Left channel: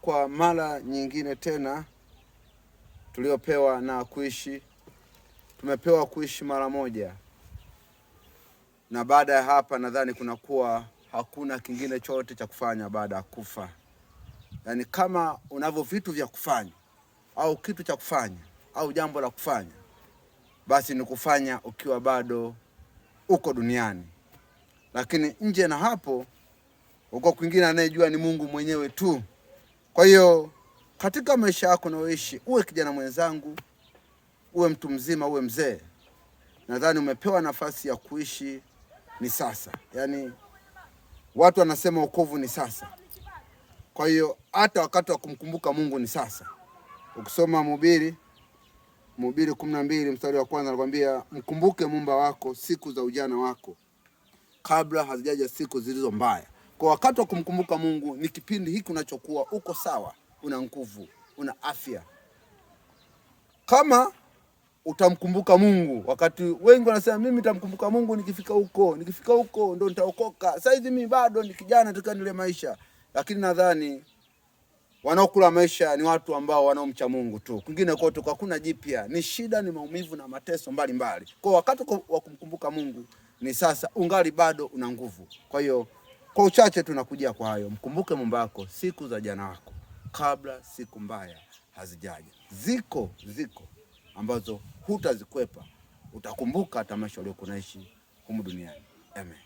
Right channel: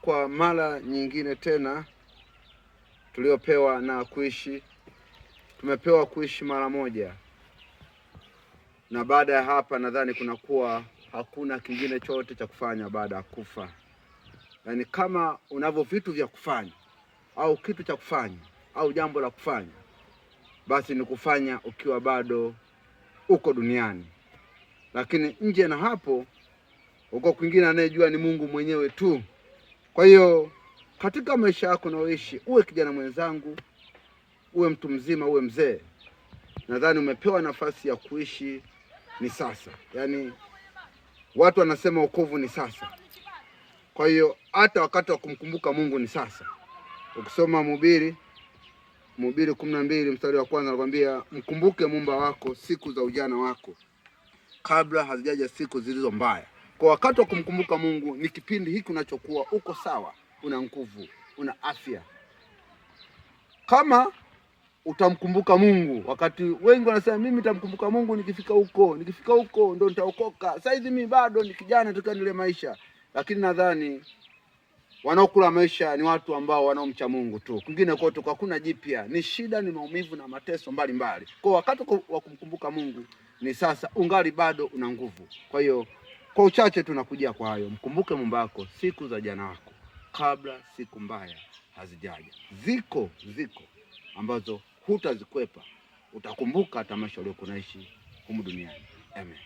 kwa mara nyingine tena tuliopewa na kuishi. Tumepewa kuishi mara moja, na baada ya hapa nadhani kunakuwa hakuna kingine chote cha kufanya baada ya kufa. Yaani kama unavyo vitu vya kufanya au kitu cha kufanya au jambo la kufanya, basi ni kufanya ukiwa bado uko duniani. Lakini nje na hapo, uko kwingine anayejua ni Mungu mwenyewe tu. Kwa hiyo katika maisha yako unaoishi, uwe kijana mwenzangu, uwe mtu mzima, uwe mzee, nadhani umepewa nafasi ya kuishi ni sasa. Yaani watu wanasema wokovu ni sasa. Kwa hiyo hata wakati wa kumkumbuka Mungu ni sasa. Ukisoma Mhubiri 12 mstari wa kwanza anakuambia mkumbuke Muumba wako siku za ujana wako, kabla hazijaja siku zilizo mbaya. Kwa wakati wa kumkumbuka Mungu ni kipindi hiki unachokuwa uko sawa, una nguvu, una afya. Kama utamkumbuka Mungu, wakati wengi wanasema mimi nitamkumbuka Mungu nikifika huko ndo nitaokoka. Sasa hivi mimi bado ni kijana, nataka nile maisha. Lakini nadhani wanaokula maisha ni watu ambao wanaomcha Mungu tu. Kwingine kote hakuna jipya, ni shida, ni maumivu na mateso mbalimbali. Kwa wakati wa kumkumbuka Mungu ni sasa, ungali bado una nguvu. Kwa hiyo kwa uchache tunakujia kwa hayo, mkumbuke Muumba wako siku za jana wako, kabla siku mbaya hazijaja. Ziko ambazo hutazikwepa, utakumbuka hata maisha uliyokuwa unaishi humu duniani. Amen.